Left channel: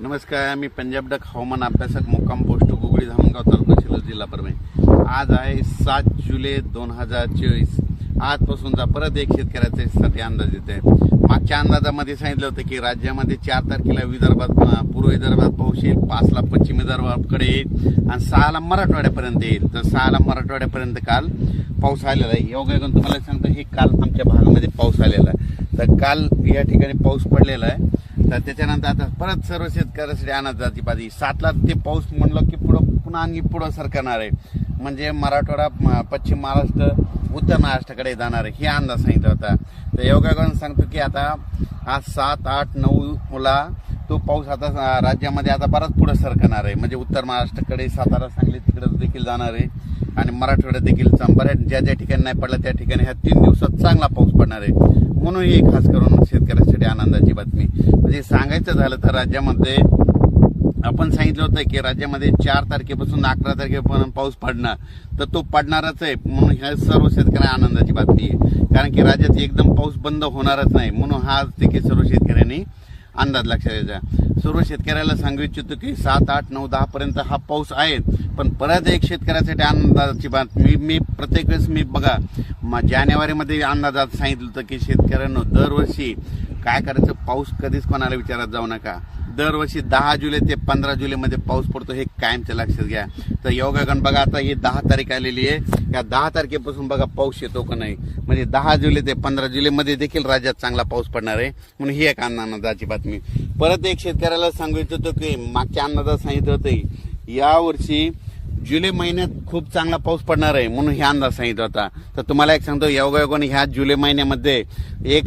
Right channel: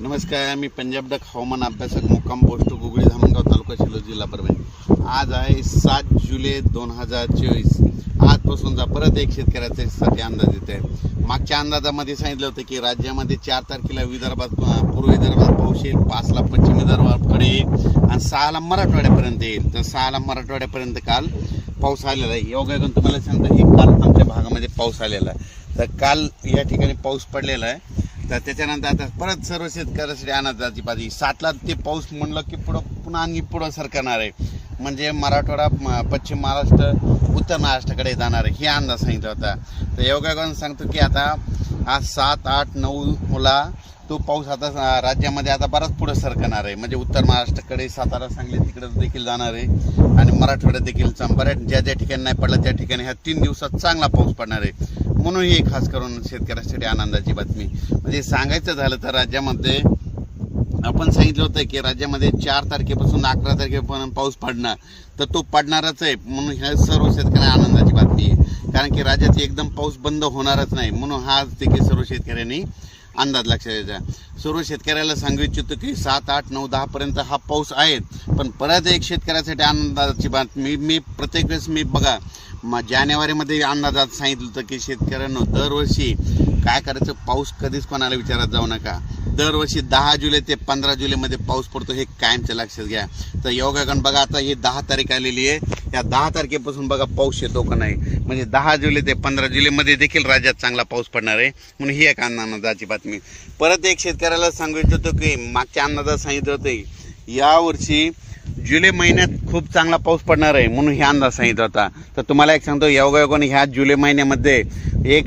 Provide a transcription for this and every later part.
नमस्कार, मी पंजाब डक हवामान अभ्यासक मुक्काम पोस्ट गुगळी धामणगाव तालुका शिल्लोड जिल्हा परभणी। आज आहे 7 जुलै 2024। आजपासूनचा परत एक शेतकऱ्यासाठी अंदाज येत आहे। मागच्या अंदाजामध्ये सांगितलं होतं की राज्यामध्ये 4 तारखेला विदर्भात पूर्व विदर्भात पाऊस येईल, 5 ला पश्चिम विदर्भाकडे येईल आणि 6 ला मराठवाड्यापर्यंत येईल। तर 6 ला मराठवाड्यापर्यंत काल पाऊस आलेला आहे। योगायोगाने तुम्हाला सांगतो हे काल आमच्या भागामध्ये पाऊस आलेला आहे। तर काल या ठिकाणी पाऊस पडलेला आहे। तर त्याच्यानंतर आता परत सर्व शेतकऱ्यासाठी अंदाजाची पाहिजे 7 ला ते पाऊस म्हणलं की पुन्हा आणखी पुढं सरकणार आहे, म्हणजे मराठवाडा, पश्चिम महाराष्ट्र, उत्तर महाराष्ट्राकडे जाणार आहे, हे अंदाज सांगितला होता। तर योगायोगाने सांगतो की आता आज 7, 8, 9 ला तो पाऊस आता राज्यामध्ये आता बराच पुढे सरकणार आहे, म्हणजे उत्तर महाराष्ट्राकडे, सातारा, सांगली तिकडे देखील जाणार आहे आणि मराठवाड्यात देखील बऱ्याच ज्या ठिकाणी नाही पडला त्या ठिकाणी ह्या 3 दिवसात चांगला पाऊस पडणार आहे। म्हणून ही खास करून शेतकऱ्यासाठी आनंदाची बातमी। म्हणजे सांगायचं झालं तर राज्यामध्ये आपण सांगितलं होतं की राज्यामध्ये 4 तारखेपासून 11 तारखेपर्यंत पाऊस पडणार, तर तो पडणारच आहे। म्हणून ह्या सर्व शेतकऱ्यांना आनंदाची बातमी आहे, कारण की राज्यात एकदम पाऊस बंद होणारच नाही। म्हणून हा देखील सर्व शेतकऱ्यांनी अंदाज लक्षात द्यायचा। सर्व शेतकऱ्याला सांगू इच्छितो की 7, 8, 9, 10 पर्यंत हा पाऊस आहे, पण परत एक शेतकऱ्यासाठी आनंदाची बातमी मी प्रत्येक वेळेस बघा जानेवारीमध्ये अंदाजात सांगितलं होतं की शेतकऱ्यांना दरवर्षी काय करायचं, पाऊस कधीच कोणाला विचारात जाऊ नका। दरवर्षी 10 जुलै ते 15 जुलैमध्ये पाऊस पडतो, हे कायमचं लक्षात घ्या। तर योगायोगाने बघा आता ही 10 तारीख आलेली आहे, या 10 तारखेपासून बघा पाऊस येतो का नाही, म्हणजे 10 जुलै ते 15 जुलैमध्ये देखील राज्यात चांगला पाऊस पडणार आहे। म्हणून ही एक आनंदाची बातमी। परत एक शेतकऱ्याला सांगू इच्छितो की मागच्या अंदाजात सांगितलं होतं यावर्षी जुलै महिन्यात खूप चांगला पाऊस पडणार आहे, म्हणून हे अंदाज सांगितला होता। तर तुम्हाला एक सांगतो योगायोगाने ह्या जुलै महिन्यामध्ये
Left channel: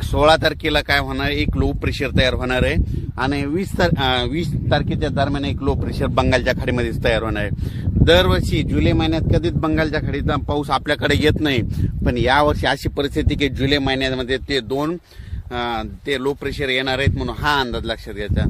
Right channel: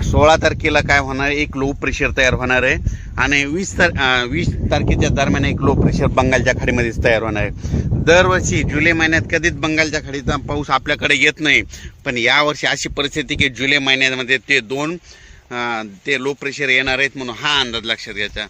16 तारखेला काय होणार आहे, एक लो प्रेशर तयार होणार आहे आणि 20 तारखेच्या दरम्यान एक लो प्रेशर बंगालच्या खाडीमध्येच तयार होणार आहे। दरवर्षी जुलै महिन्यात कधीच बंगालच्या खाडीचा पाऊस आपल्याकडे येत नाही, पण यावर्षी अशी परिस्थिती की जुलै महिन्यामध्ये ते लो प्रेशर येणार आहेत, म्हणून हा अंदाज लक्षात घ्यायचा।